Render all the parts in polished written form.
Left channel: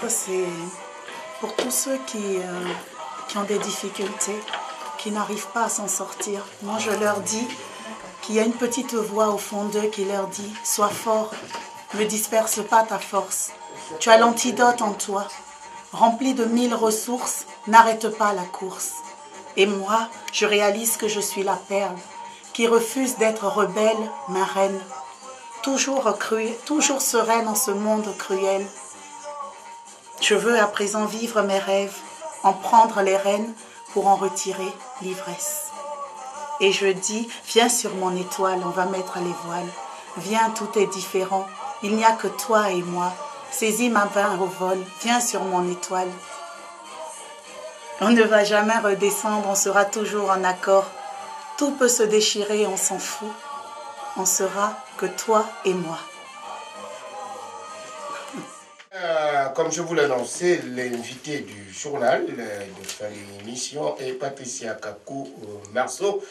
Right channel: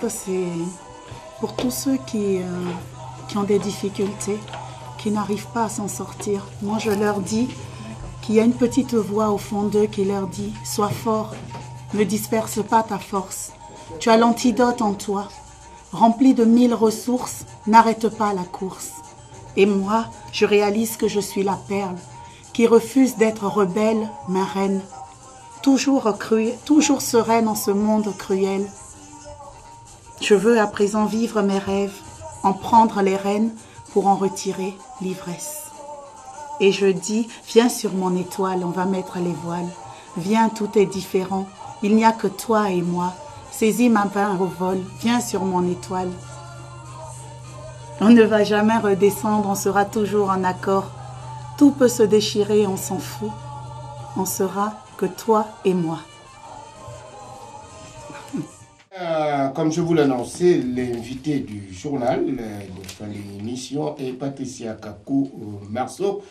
Ça, c'est pour tous ceux qui ont des difficultés, qui n'arrivent pas à s'en sortir. Moi, je leur dis qu'il y a une petite voix au fond d'eux qui leur dit « Sois fort, ne disperse pas ta force. Tu as l'antidote en toi. Rempli de 1000 ressources, n'arrête pas la course. » Et moi, je réalise que je suis la perle qui refuse d'être rebelle, ma reine. Toujours sereine en ce monde cruel. Je veux à présent vivre mes rêves, en prendre les rênes pour en retirer l'ivresse. Et je dis, viens sur mon étoile, on va mettre les voiles. Viens, tout est différent, il n'y a que toi et moi. Saisis ma main au vol, viens sur mon étoile. On ne va jamais redescendre, on sera toujours en accord. Tout peut se déchirer, on s'en fout. On sera que toi et moi. Comme je vous l'annonçais, l'invité du journal de l'émission est Patricia Kakou-Marceau.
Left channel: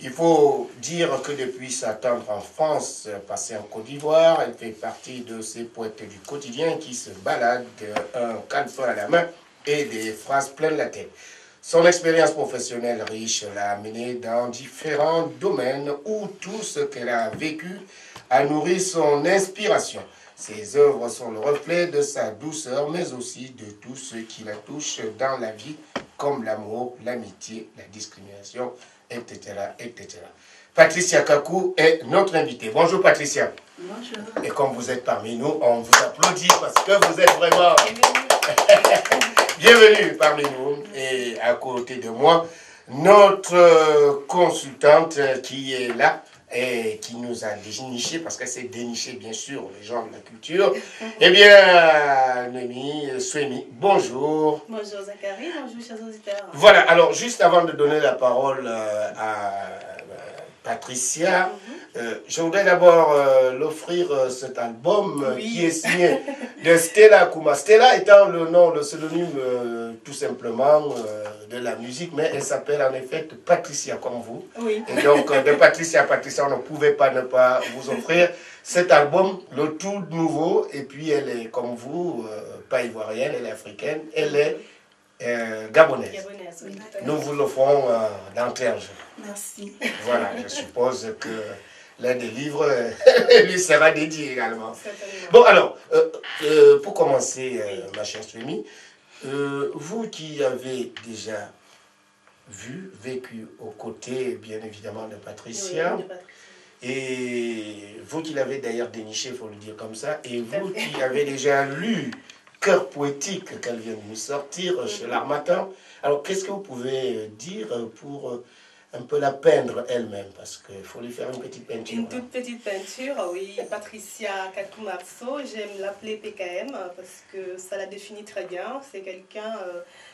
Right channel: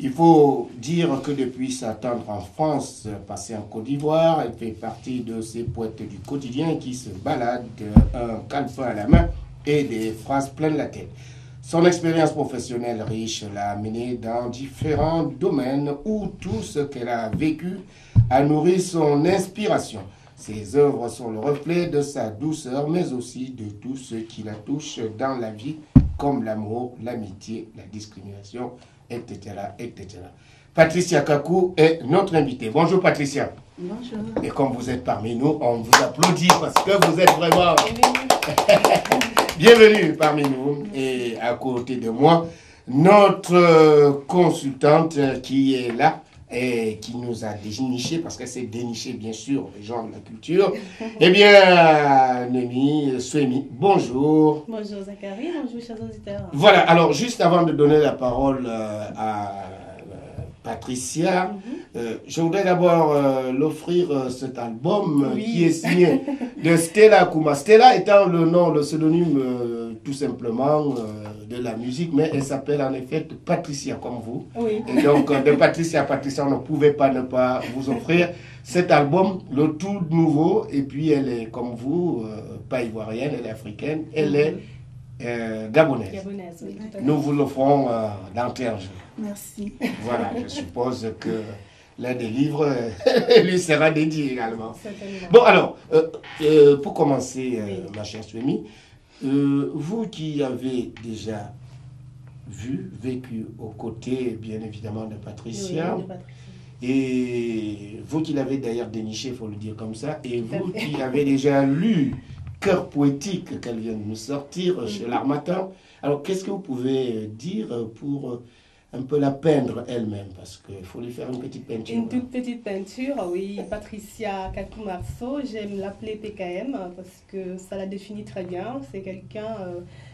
Il faut dire que depuis sa tendre enfance, passée en Côte d'Ivoire, elle fait partie de ces poètes du quotidien qui se baladent un calepin à la main et des phrases pleines la tête. Son expérience professionnelle riche l'a amenée dans différents domaines où tout ce qu'elle a vécu a nourri son inspiration. Ses œuvres sont le reflet de sa douceur, mais aussi de tout ce qui la touche dans la vie, comme l'amour, l'amitié, la discrimination, etc., etc. Patricia Kakou est notre invitée. Bonjour Patricia. Bonjour. Et comme vous êtes parmi nous, on vous applaudit parce que vous êtes vraiment... Bienvenue parmi nous. Et à côté de moi, notre consultante qui est là et qui nous a déniché, parce qu'elle s'est dénichée bien sûr, les gens de la culture. Eh bien, Noémie Souemi, bonjour. Bonjour Zachary, bonjour chers auditeurs. Voilà, alors juste avant de donner la parole à Patricia, je voudrais d'abord l'offrir cet album qui est signé de Stella Kuma. Stella étant le nom, le pseudonyme tout simplement de la musique, mais elle s'appelle en effet Patricia comme vous. Oui. Et donc de Patricia à Patricia, on ne pouvait pas ne pas vous offrir cet album, le tout nouveau. Et puis elle est comme vous, pas ivoirienne, elle est africaine, elle est gabonaise. Gabonaise, oui. Nous vous l'offrons d'entrée en jeu. Merci. Voilà, je suppose que l'un des livres lui sera dédié également. Certainement. Bon, alors, pour commencer, ma chère Souemi, vous qui avez déjà vécu aux côtés, bien évidemment, de Patricia, Oui, de Patricia. et vous qui l'avez d'ailleurs déniché, il faut le dire comme ça, et vous qui avez déjà lu Cœur poétique qu'elle vient de nous sortir chez l'Harmattan, alors qu'est-ce que vous pouvez dire pour un peu la peindre elle-même, parce qu'il faut lui faire une petite peinture. Une toute petite peinture, oui. Patricia Kakou-Marceau, j'aime l'appeler PKM parce que ça la définit très bien. C'est quelqu'un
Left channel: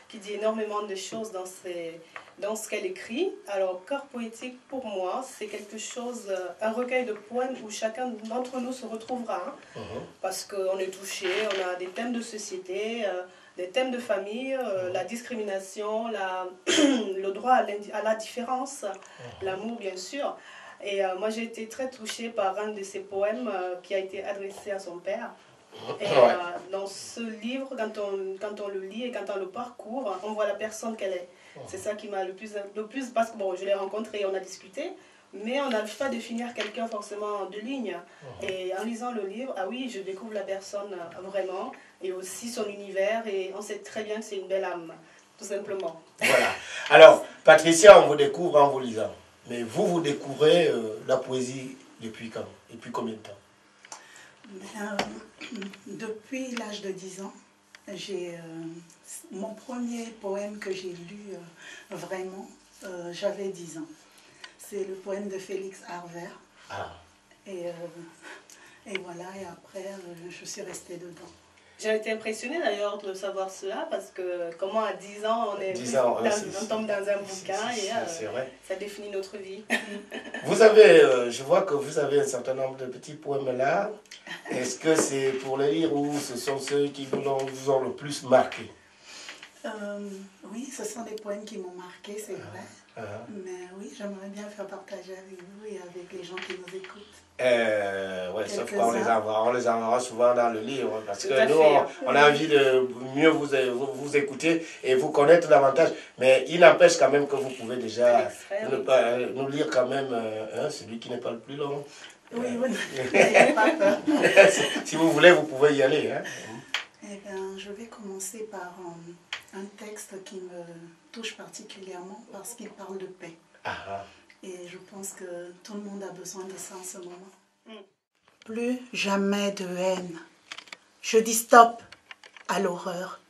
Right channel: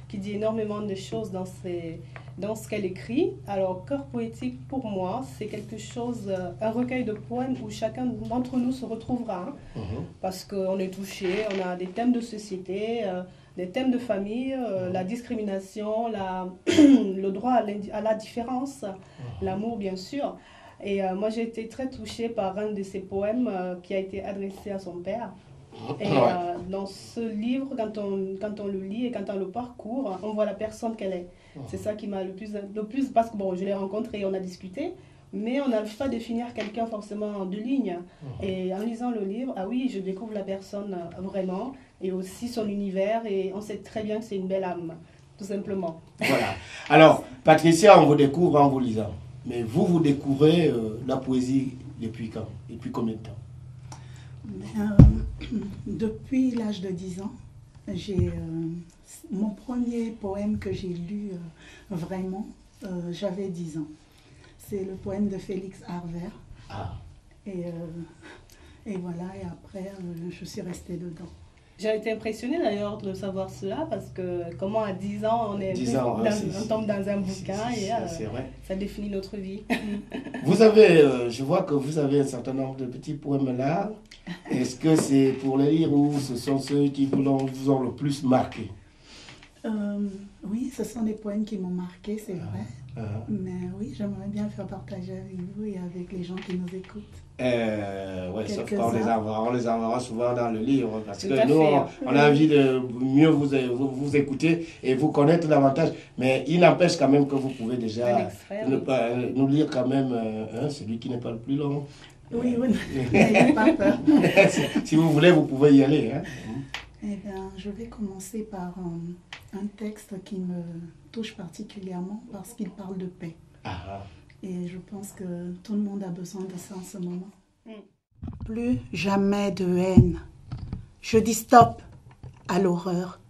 qui dit énormément de choses dans ce qu'elle écrit. Alors, Cœur poétique, pour moi, c'est quelque chose, un recueil de poèmes où chacun d'entre nous se retrouvera. Hein, parce qu'on est touché, on a des thèmes de société, des thèmes de famille, la discrimination, le droit à la différence, l'amour bien sûr. Et moi j'ai été très touchée par un de ses poèmes qui a été adressé à son père. Et dans ce livre, quand on le lit et quand on le parcourt, on voit la personne qu'elle est. C'est ça qui m'a le plus, parce que bon, je l'ai rencontré, on a discuté, mais on n'arrive pas à définir quelqu'un forcément en 2 lignes. Et en lisant le livre, ah oui, je découvre la personne vraiment, et aussi son univers, et on sait très bien que c'est une belle âme, tout simplement. Voilà. Alors, Patricia, on vous découvre en vous lisant. Mais vous découvrez la poésie depuis quand? Depuis combien de temps? Depuis l'âge de 10 ans, j'ai mon premier poème que j'ai lu vraiment, j'avais 10 ans. C'est le poème de Félix Harvert. Ah. Et voilà, et après, je suis restée dedans. J'ai été impressionnée d'ailleurs de savoir cela, parce que comment à 10 ans on tombe dans un bouquin et ça définit notre vie. Vous avez, je vois que vous avez un certain nombre de petits poèmes là. Est-ce que c'est pour les lire ou ce sont ceux qui vous ont le plus marqué? Oui, ce sont des poèmes qui m'ont marqué, c'est vrai. Mais oui, j'aimerais bien faire partager avec vous et avec les gens qui nous écoutent. Ouais, sauf qu'on les enverra souvent dans le livre parce que nous, fait, on a envie de mieux vous écouter et vous connaître davantage. Mais il n'empêche quand même que vous pouvez déjà nous lire quand même celui qui n'est pas le plus long. Oui, oui, n'ayez pas peur. Si vous voulez, vous pouvez y aller. Hein. Eh bien, je vais commencer par un texte qui me touche particulièrement parce qu'il parle de paix. Et je pense que tout le monde a besoin de ça en ce moment. Plus jamais de haine. Je dis stop à l'horreur.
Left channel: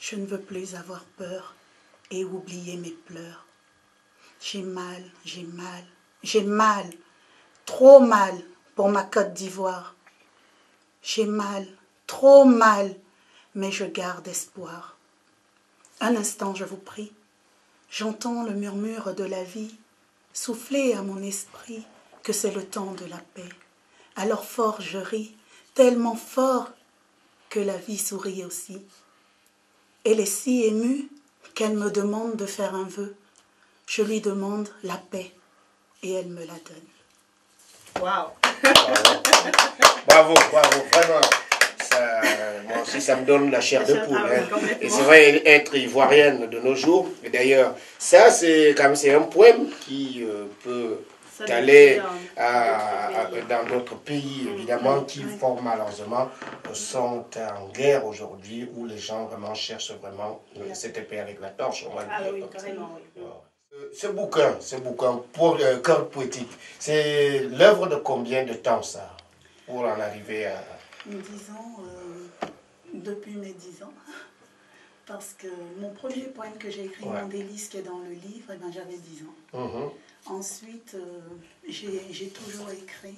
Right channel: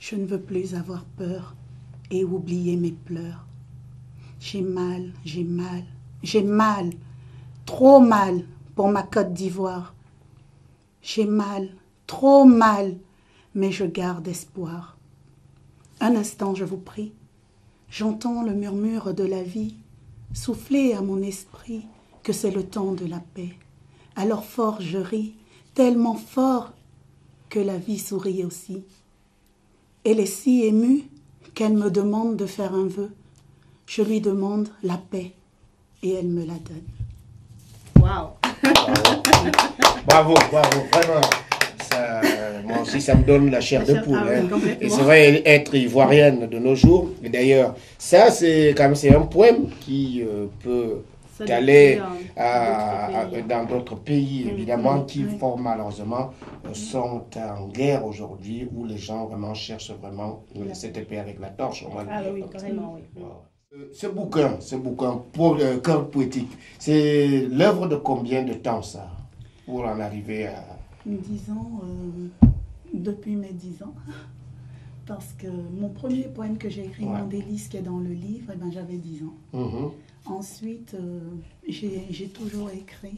Je ne veux plus avoir peur et oublier mes pleurs. J'ai mal, j'ai mal, j'ai mal, trop mal pour ma Côte d'Ivoire. J'ai mal, trop mal, mais je garde espoir. Un instant, je vous prie. J'entends le murmure de la vie souffler à mon esprit que c'est le temps de la paix. Alors fort je ris, tellement fort que la vie sourit aussi. Elle est si émue qu'elle me demande de faire un vœu. Je lui demande la paix et elle me la donne. Waouh! Bravo, bravo, vraiment. Ça, moi aussi, ça me donne la chair de poule. Hein. Et c'est vrai, être ivoirienne de nos jours. Et d'ailleurs, ça, c'est un poème qui peut aller dans d'autres pays, évidemment, qui font malheureusement sont en guerre aujourd'hui, où les gens vraiment cherchent vraiment cette épée avec la torche. Oui, carrément, oui. Ce bouquin, Cœur poétique, c'est l'œuvre de combien de temps ça, pour en arriver à... Disons, depuis mes 10 ans, parce que mon premier poème que j'ai écrit, Mon délice, qui est dans le livre, j'avais 10 ans. Ensuite, j'ai toujours écrit.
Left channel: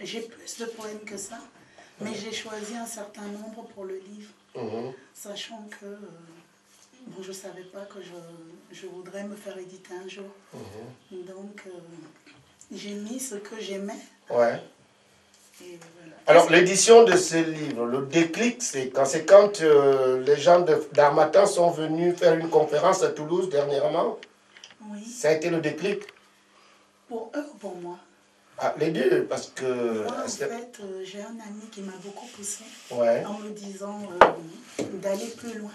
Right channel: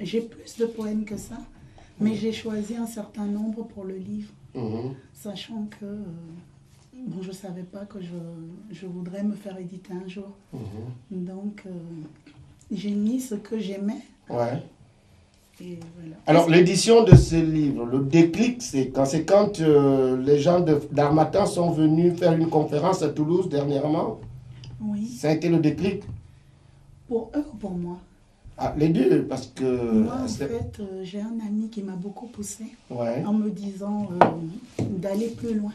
J'ai plus de poèmes que ça, mais j'ai choisi un certain nombre pour le livre, sachant que bon, je ne savais pas que je voudrais me faire éditer un jour. Donc, j'ai mis ce que j'aimais. Et voilà. Alors, l'édition de ce livre, le déclic, c'est quand les gens d'Harmattan sont venus faire une conférence à Toulouse dernièrement. Oui. Ça a été le déclic? Pour eux ou pour moi? Les deux, parce que... Moi, en fait, j'ai un ami qui m'a beaucoup poussé en me disant d'aller plus loin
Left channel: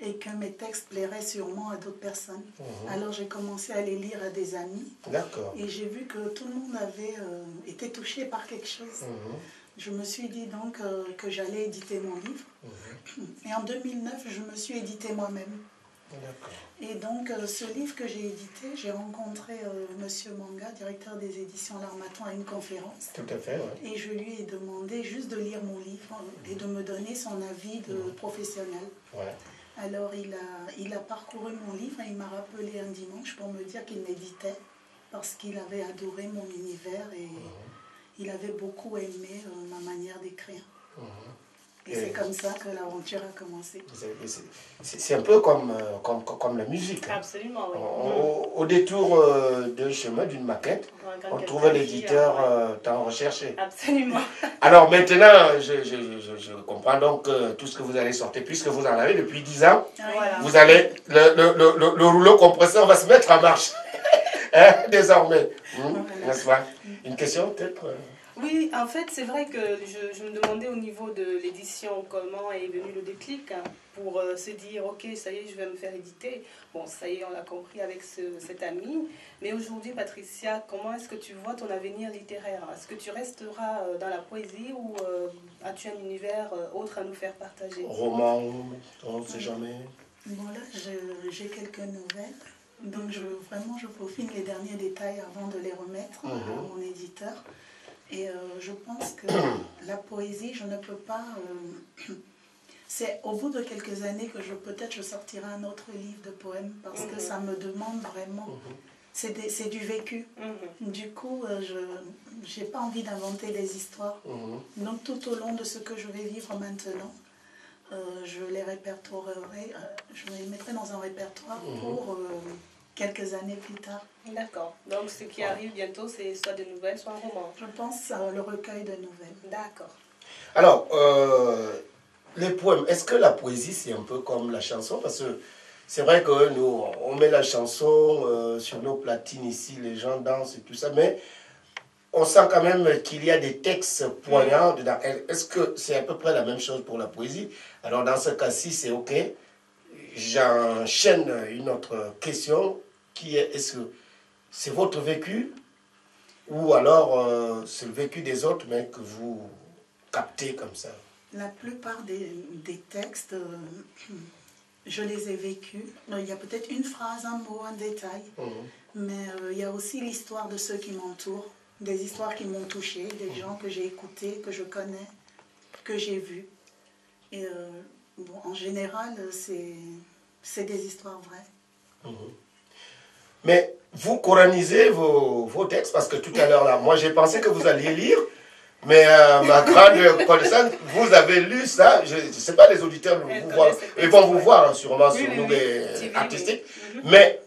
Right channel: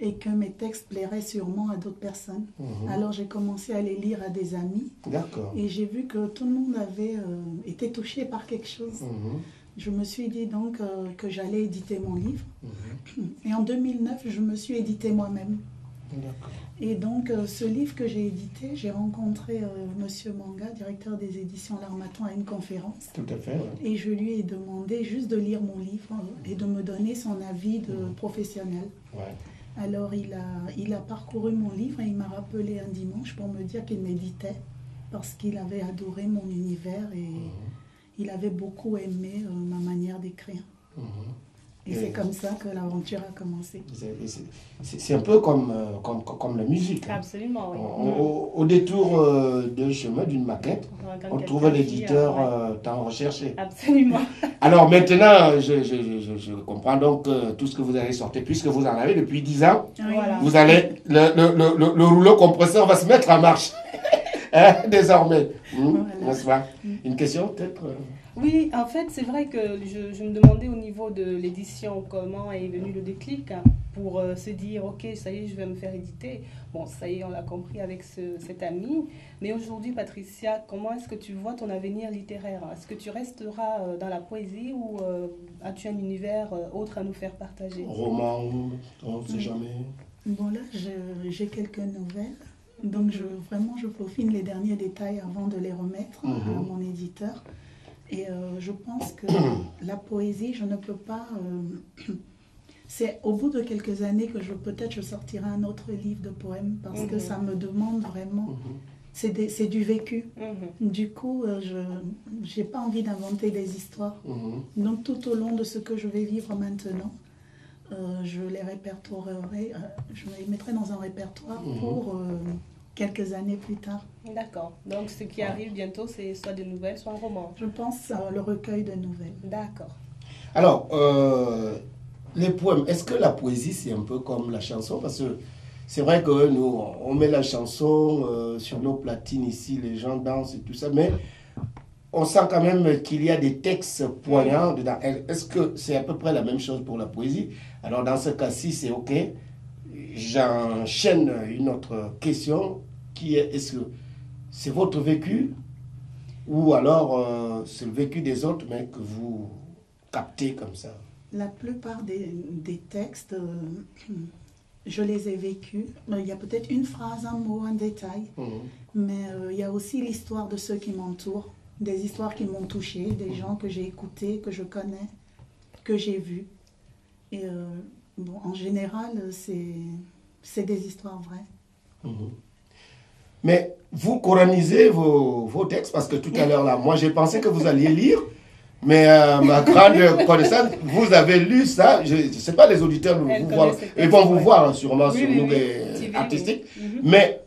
et que mes textes plairaient sûrement à d'autres personnes. Alors, j'ai commencé à les lire à des amis. D'accord. Et j'ai vu que tout le monde avait été touché par quelque chose. Je me suis dit donc que j'allais éditer mon livre. Et en 2009, je me suis édité moi-même. Et donc, ce livre que j'ai édité, j'ai rencontré Monsieur Manga, directeur des éditions L'Harmattan, à une conférence. Tout à fait, Et je lui ai demandé juste de lire mon livre et de me donner son avis de professionnel. Alors, il a parcouru mon livre et il m'a rappelé un dimanche pour me dire qu'il m'éditait parce qu'il avait adoré mon univers et il avait beaucoup aimé ma manière d'écrire. Et c'est comme ça que l'aventure a commencé. C'est un peu comme la musique. Hein. Absolument, oui. Au détour d'un chemin, d'une maquette, on trouve l'éditeur tant recherché. Absolument. Alors maintenant, je comprends donc tout ce que vous allez sortir, puisque vous en avez depuis 10 ans. Voilà. Vous allez, le rouleau compresseur va se mettre en marche. Hein, désormais. N'est-ce pas? Une question peut-être Oui, en fait, c'est vrai que je me demandais au niveau de l'édition comment est venu le déclic pour se dire, ok, ça y est, je vais me faire éditer. Bon, ça y est, on l'a compris avec cet ami. Mais aujourd'hui, Patricia, comment est-ce que tu vois ton avenir littéraire? Est-ce que tu resteras dans la poésie ou as-tu un univers autre à nous faire partager? Roman, on ne sait jamais. Bon, là, j'ai quelques nouvelles. Donc, vraiment, je peaufine les derniers détails avant de les remettre à mon éditeur. Et je pense que la poésie, je ne peux pas... c'est au bout de quelques années que peut-être je sortirai un autre livre de poèmes parce que ça me demande vraiment... C'est du vécu. Du coup, je n'ai pas envie d'inventer des histoires. Donc, tout au long de ce que je vais vivre maintenant, je les répertorierai, je les mettrai dans un répertoire pour... quelques années plus tard. D'accord. Donc, ce qui arrive bientôt, c'est soit des nouvelles, soit un roman. Je pense le recueil de nouvelles. D'accord. Alors, les poèmes, est-ce que la poésie, c'est un peu comme la chanson? Parce que c'est vrai que nous, on met la chanson sur nos platines ici, les gens dansent et tout ça, mais on sent quand même qu'il y a des textes poignants dedans. Est-ce que c'est à peu près la même chose pour la poésie? Alors dans ce cas-ci, c'est OK. J'enchaîne une autre question qui est que c'est votre vécu ou alors c'est le vécu des autres mais que vous captez comme ça? La plupart des textes, je les ai vécus. Il y a peut-être une phrase, un mot, un détail, mais il y a aussi l'histoire de ceux qui m'entourent, des histoires qui m'ont touché, des gens que j'ai écoutés, que je connais, que j'ai vus. Et bon, en général, c'est des histoires vraies. Mais vous coranisez vos textes parce que tout à l'heure, là, moi j'ai pensé que vous alliez lire, mais ma grande connaissance, vous avez lu ça. Je ne sais pas, les auditeurs ils vont vous voir sûrement sur nous artistiques, mais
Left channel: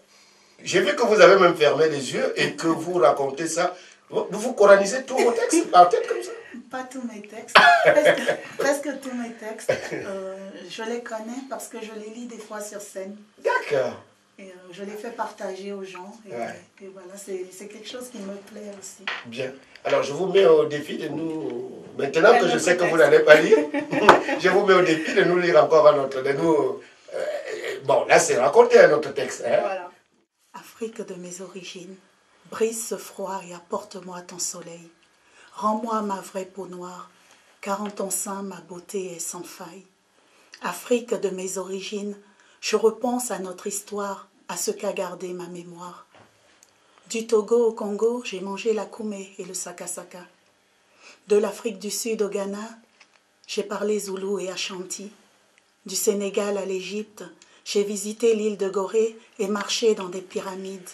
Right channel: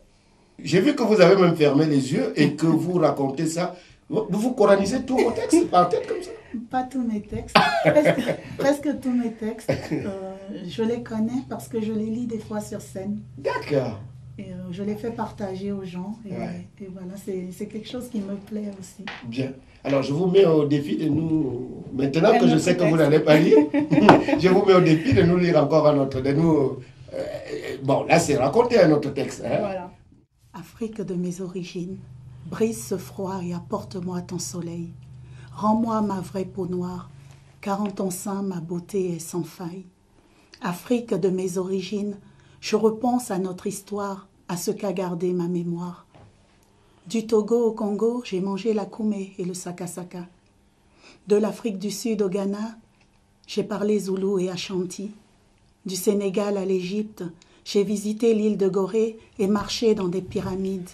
j'ai vu que vous avez même fermé les yeux et que vous racontez ça. Vous coranisez tous vos textes par tête comme ça? Pas tous mes textes, presque tous mes textes. Je les connais parce que je les lis des fois sur scène. D'accord. Et je les fais partager aux gens. Et voilà, c'est quelque chose qui me plaît aussi. Bien. Alors, je vous mets au défi de nous... Maintenant que je sais que vous n'allez pas lire, je vous mets au défi de nous lire encore un autre. Bon, là, c'est raconter un autre texte. Hein? Voilà. Afrique de mes origines, brise ce froid et apporte-moi ton soleil. Rends-moi ma vraie peau noire, car en ton sein ma beauté est sans faille. Afrique de mes origines, je repense à notre histoire, à ce qu'a gardé ma mémoire. Du Togo au Congo, j'ai mangé la koumé et le sakasaka. De l'Afrique du Sud au Ghana, j'ai parlé zoulou et ashanti. Du Sénégal à l'Égypte, j'ai visité l'île de Gorée et marché dans des pyramides.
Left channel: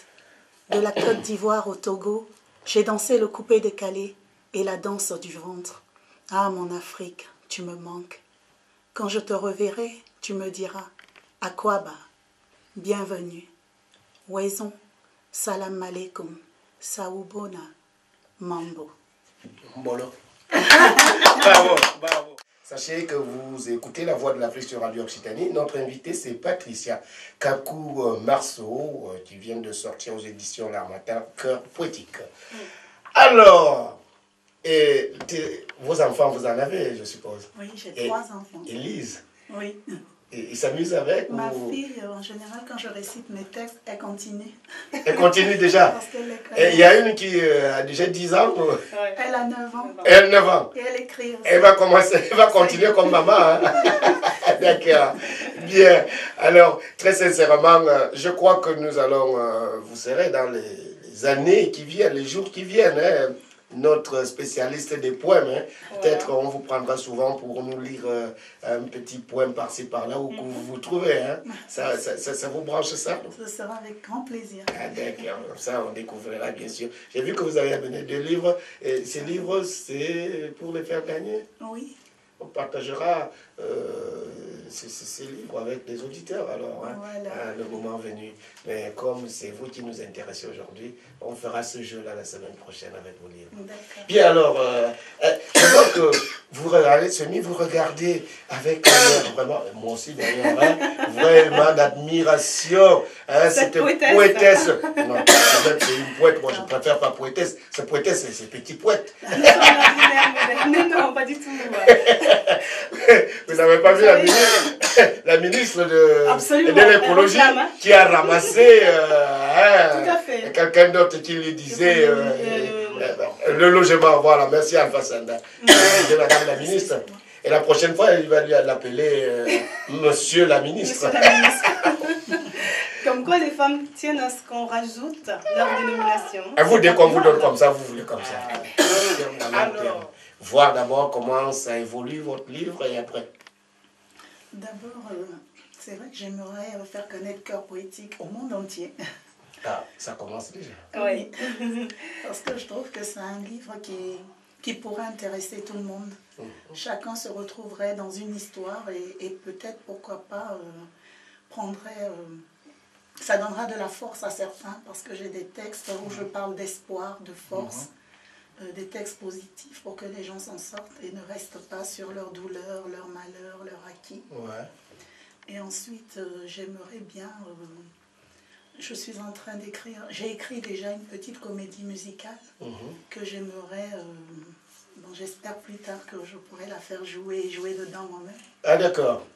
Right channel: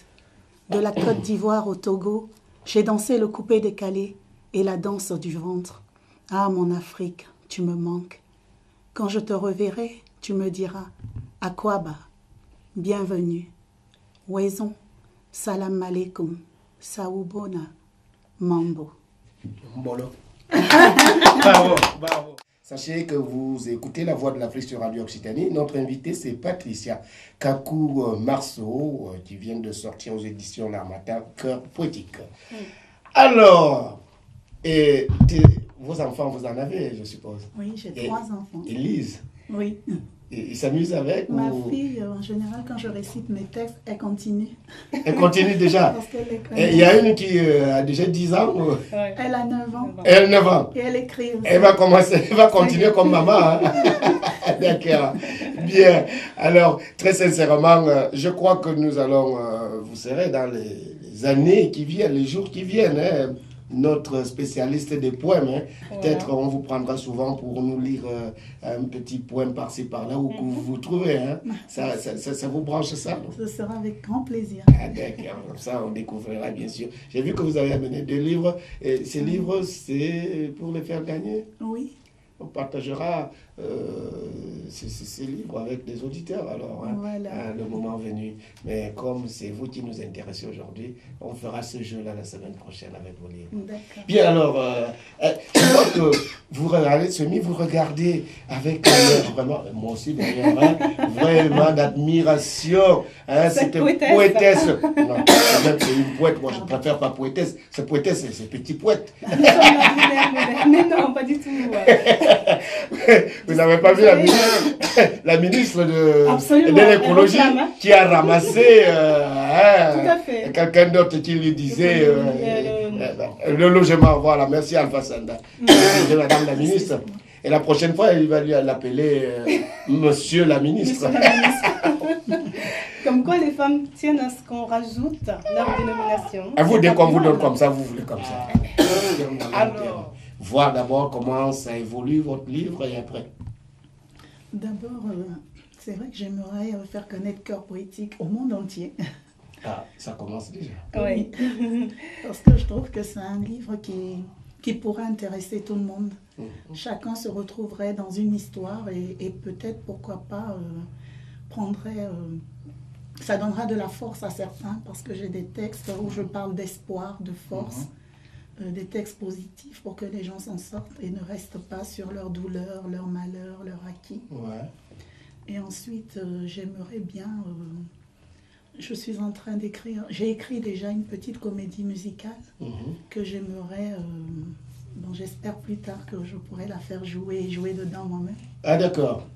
De la Côte d'Ivoire au Togo, j'ai dansé le coupé décalé et la danse du ventre. Ah, mon Afrique, tu me manques. Quand je te reverrai, tu me diras « Akwaba, bienvenue, Wezon, salam alaikum, saoubona, mambo ». Mbolo. Bravo, bravo. Sachez que vous écoutez La Voix de l'Afrique sur Radio Occitanie. Notre invitée, c'est Patricia Kakou-Marceau, qui vient de sortir aux éditions L'Harmattan, Cœur poétique. Alors, vos enfants, vous en avez, je suppose? Oui, j'ai 3 enfants. Ils lisent? Oui. Ils s'amusent avec? Ma fille, en général, quand je récite mes textes, elle continue. Elle continue déjà? Parce qu'elle les connaît. Et il y a une qui a déjà 10 ans? Elle a 9 ans. Elle a 9 ans. Et elle écrit aussi. Elle va continuer comme maman. Hein? D'accord. Bien. Alors, très sincèrement, je crois que nous allons, vous serez dans les années qui viennent, les jours qui viennent, hein, notre spécialiste des poèmes. Hein. Voilà. Peut-être on vous prendra souvent pour nous lire un petit poème par-ci par-là où que vous vous trouvez. Hein. Ça vous branche ça? Ce sera avec grand plaisir. Ah, d'accord, comme ça on découvrira bien sûr. J'ai vu que vous avez amené 2 livres. Et ces livres, c'est pour les faire gagner? Oui. On partagera ces livres avec les auditeurs alors, hein, voilà. Le moment venu. Mais comme c'est vous qui nous intéressez aujourd'hui, on fera ce jeu-là la semaine prochaine avec vos livres. Bien alors, je vois que vous regardez vous regardez avec vraiment, moi aussi d'ailleurs, hein, vraiment d'admiration. Hein, cette poétesse. Non, c'est une poète, moi je préfère pas poétesse. Cette poétesse, c'est petit poète. Non, pas du tout. Vous n'avez pas vu la ministre de l'écologie qui a ramassé quelqu'un d'autre qui lui disait le logement. Voilà, merci Alpha Sanda. Madame la ministre. Et la prochaine fois, il va lui l'appeler Monsieur la ministre. Comme quoi les femmes tiennent à ce qu'on rajoute leur dénomination. Et vous, dès qu'on vous donne comme ça, vous voulez comme ça. Alors, voir d'abord comment ça évolue votre livre et après. D'abord, c'est vrai que j'aimerais faire connaître Cœur poétique au monde entier. Ah, ça commence déjà. Oui. Parce que je trouve que c'est un livre qui pourrait intéresser tout le monde. Chacun se retrouverait dans une histoire et peut-être, pourquoi pas, prendrait... ça donnera de la force à certains parce que j'ai des textes où je parle d'espoir, de force. des textes positifs pour que les gens s'en sortent et ne restent pas sur leur douleur, leur malheur, leur acquis. Ouais. Et ensuite, j'aimerais bien... je suis en train d'écrire... J'ai écrit déjà une petite comédie musicale que j'aimerais... bon, j'espère plus tard que je pourrai la faire jouer et jouer dedans moi-même. Ah, d'accord.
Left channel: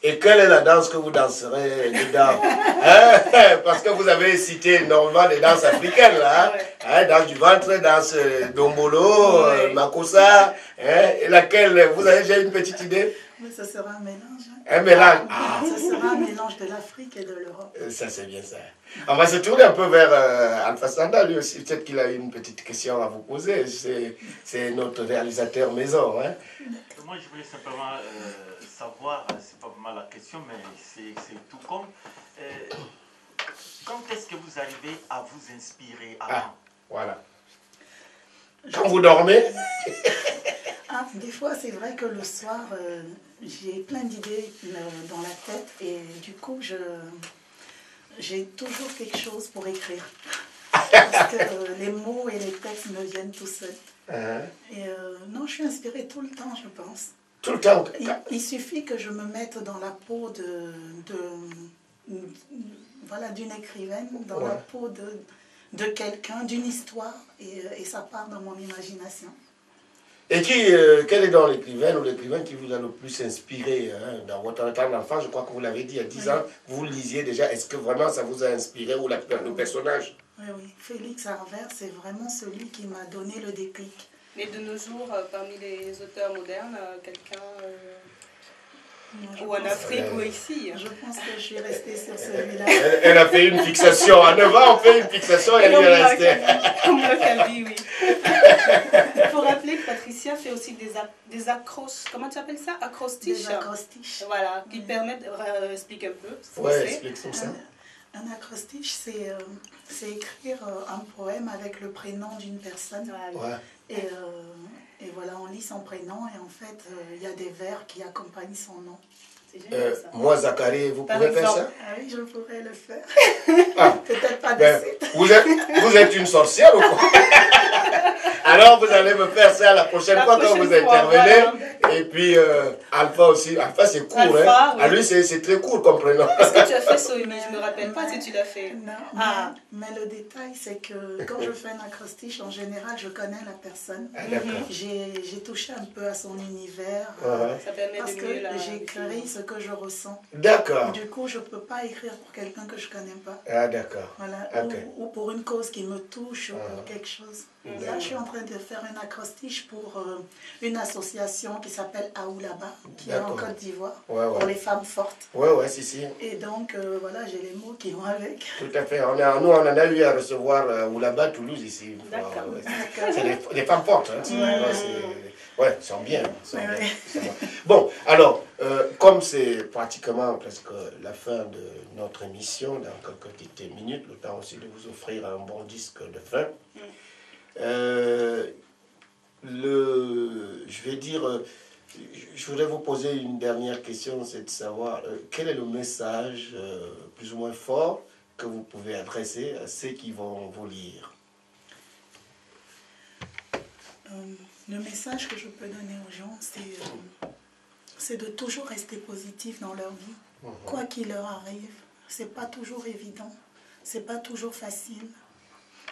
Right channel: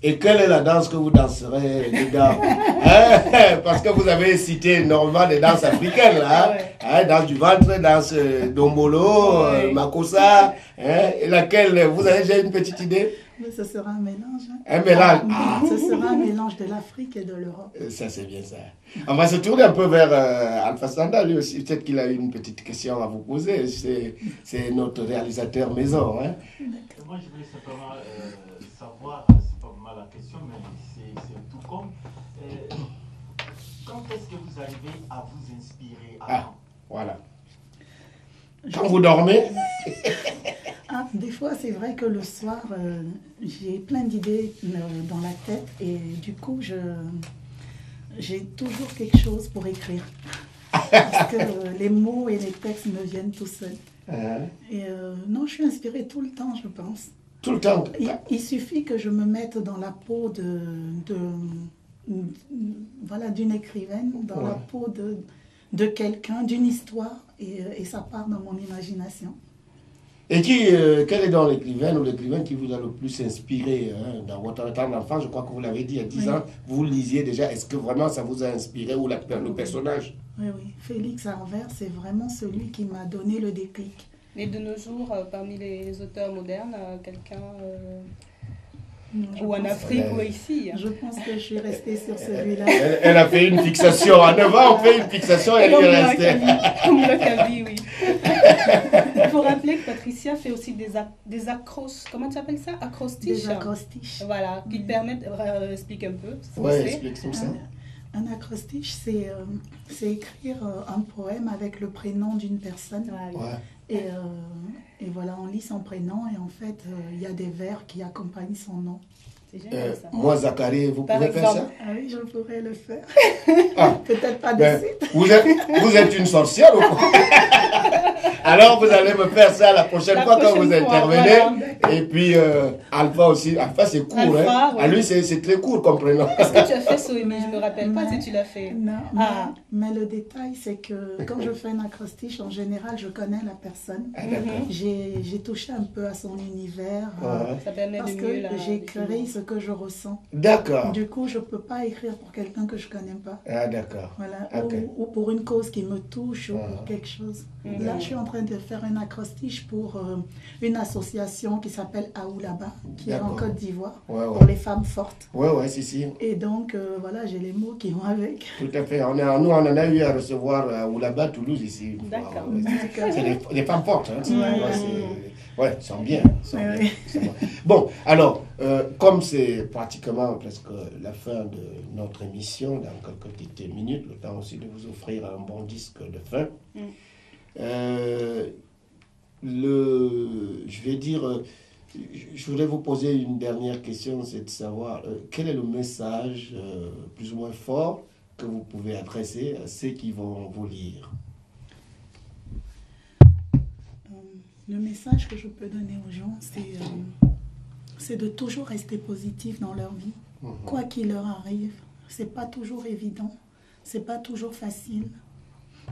Et quelle est la danse que vous danserez dedans? Hein? Parce que vous avez cité énormément des danses africaines, là. Hein? Danse du ventre, danse dombolo, makossa. Hein? Et laquelle? Vous avez déjà une petite idée? Mais ce sera un mélange. Hein. Un mélange. Ce sera un mélange de l'Afrique et de l'Europe. Ça, c'est bien ça. On va se tourner un peu vers Alpha Sanda, lui aussi. Peut-être qu'il a une petite question à vous poser. C'est notre réalisateur maison. Hein? Moi, je voulais simplement savoir, c'est pas vraiment la question, mais c'est tout comme. Quand est-ce que vous arrivez à vous inspirer avant? Voilà. Quand vous dormez? Des fois, c'est vrai que le soir, j'ai plein d'idées dans la tête et du coup, j'ai toujours quelque chose pour écrire. Parce que les mots et les textes me viennent tout seuls. Et non, je suis inspirée tout le temps, je pense. Tout le temps. Il suffit que je me mette dans la peau voilà, d'une écrivaine, dans la peau de quelqu'un, d'une histoire, et ça part dans mon imagination. Et quel est donc l'écrivaine ou l'écrivain qui vous a le plus inspiré dans votre temps d'enfant? Je crois que vous l'avez dit, à 10 ans, vous lisiez déjà. Est-ce que vraiment ça vous a inspiré ou le personnage? Oui, oui. Félix Harvert, c'est vraiment celui qui m'a donné le déclic. Mais de nos jours, parmi les auteurs modernes, quelqu'un... ou en Afrique ou ici. Je pense que je suis restée sur celui-là. Elle a fait une fixation. À 9 ans, on fait une fixation et elle y est restée. Comme le Kaby, oui. Il faut rappeler que Patricia fait aussi des acrostiches. Comment tu appelles ça? Acrostiches. Des acrostiches. Voilà, qui permettent... explique un peu. Oui, explique comme ça. Un acrostiche, c'est écrire un poème avec le prénom d'une personne. Ouais. Et voilà, on lit son prénom et en fait, il y a des vers qui accompagnent son nom. C'est génial, ça. Moi, Zachary, vous pouvez faire ça? Ah oui, je pourrais le faire. Peut-être pas de suite. Vous êtes une sorcière ou quoi? Alors, vous allez me faire ça la prochaine fois quand vous intervenez. Voilà. Et puis, Alpha aussi. Alpha, c'est court. Alpha, hein. Oui. À lui, c'est très court comme prénom. Est-ce que tu as fait ça? Mais je ne me rappelle pas si tu l'as fait. Non, mais le détail, c'est que quand je fais un acrostiche, en général, je connais la personne. J'ai touché un peu à son univers. Ça permet parce de que j'écris ce que je ressens. D'accord. Du coup, je ne peux pas écrire pour quelqu'un que je ne connais pas. Ah, d'accord. Voilà. Ou pour une cause qui me touche ou pour quelque chose. Là, je suis en train de faire un acrostiche pour une association qui s'appelle Aoulaba, qui est en Côte d'Ivoire, pour les femmes fortes. Oui, si. Et donc, voilà, j'ai les mots qui vont avec. Tout à fait. Nous, on en a eu à recevoir Aoulaba, Toulouse, ici. D'accord. C'est des femmes fortes. Hein. Ouais, ils sont bien. Bon, alors, comme c'est pratiquement presque la fin de notre émission, dans quelques petites minutes, le temps aussi de vous offrir un bon disque de fin. Je voudrais vous poser une dernière question, c'est de savoir quel est le message plus ou moins fort que vous pouvez adresser à ceux qui vont vous lire. Le message que je peux donner aux gens, c'est de toujours rester positif dans leur vie. Quoi qu'il leur arrive, c'est pas toujours évident, c'est pas toujours facile,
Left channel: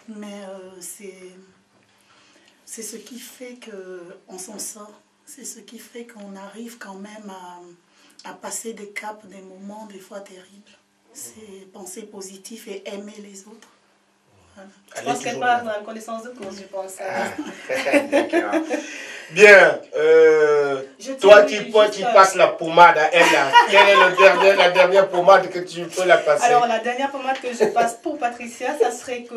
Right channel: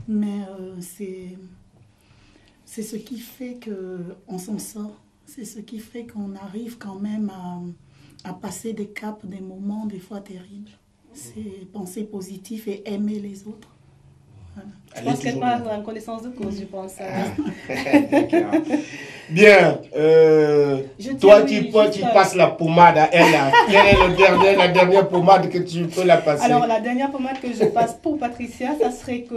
mais c'est ce qui fait qu'on s'en sort, c'est ce qui fait qu'on arrive quand même à passer des caps, des moments des fois terribles. C'est penser positif et aimer les autres. Voilà. Je pense qu'elle parle en connaissance de cause, je pense. Bien. Toi qui passes la pommade à elle, quelle est la dernière pommade que tu peux la passer? Alors, la dernière pommade que je passe pour Patricia, ça serait que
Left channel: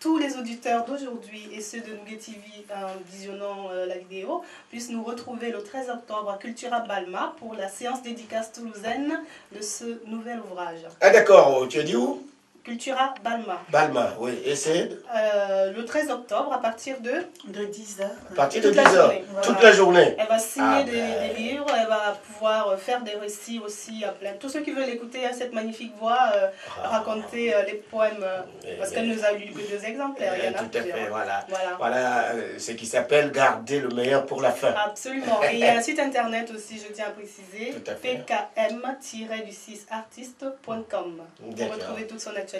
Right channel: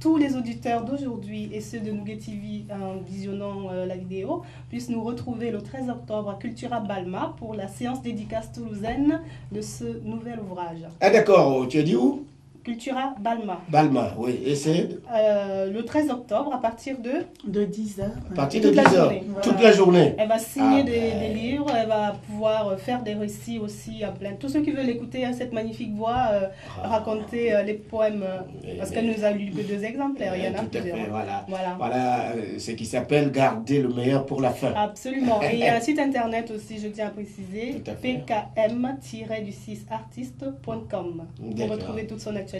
tous les auditeurs d'aujourd'hui et ceux de Nougat TV, en visionnant la vidéo, puissent nous retrouver le 13 octobre à Cultura Balma pour la séance dédicace toulousaine de ce nouvel ouvrage. Ah d'accord, tu as dit où? Cultura Balma. Balma, oui. Et c'est le 13 octobre, à partir de 10h. à partir de toute 10 la h. journée. Toute Voilà. la journée. Elle va signer Ah, des livres, elle va pouvoir faire des récits aussi à plein. Tous ceux qui veulent écouter cette magnifique voix raconter les poèmes, parce qu'elle nous a lu que 2 exemplaires, il y en a tout à plusieurs. fait, voilà. Voilà. Voilà ce qui s'appelle garder le meilleur pour la fin. Absolument. Et il y a un site internet aussi, je tiens à préciser, Tout à fait. pkm-artiste.com pour D'accord. retrouver toute son actualité.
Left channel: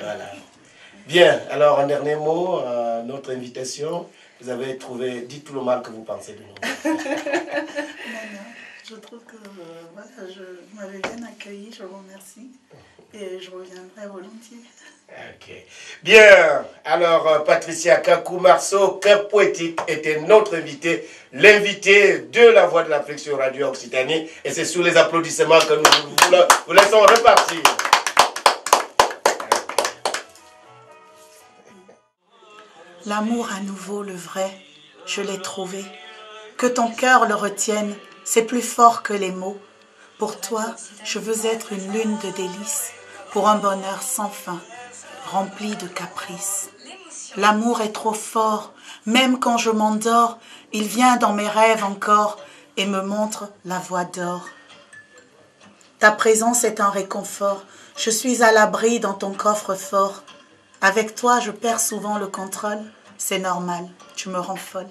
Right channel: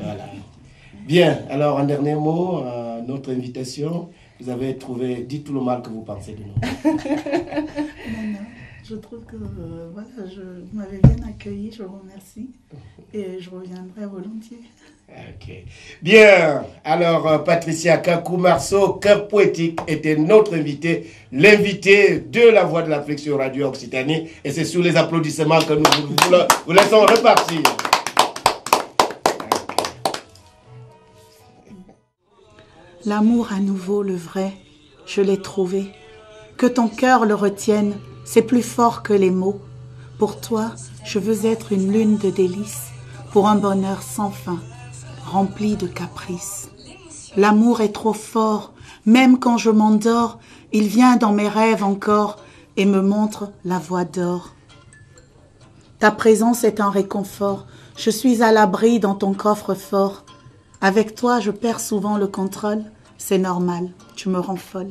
Voilà. Bien, alors un dernier mot, notre invitation. Vous avez trouvé, dites tout le mal que vous pensez de nous. Non, je trouve que voilà, vous m'avez bien accueilli, je vous remercie. Et je reviendrai volontiers. Ok. Bien, alors Patricia Kakou-Marceau, Cœur Poétique, était notre invité, l'invité de la Voix de l'Afrique sur Radio Occitanie. Et c'est sous les applaudissements que nous vous laissons repartir. L'amour à nouveau, le vrai, je l'ai trouvé. Que ton cœur le retienne, c'est plus fort que les mots. Pour toi, je veux être une lune de délices, pour un bonheur sans fin, rempli de caprices. L'amour est trop fort, même quand je m'endors, il vient dans mes rêves encore et me montre la voie d'or. Ta présence est un réconfort, je suis à l'abri dans ton coffre-fort. Avec toi, je perds souvent le contrôle, c'est normal, tu me rends folle.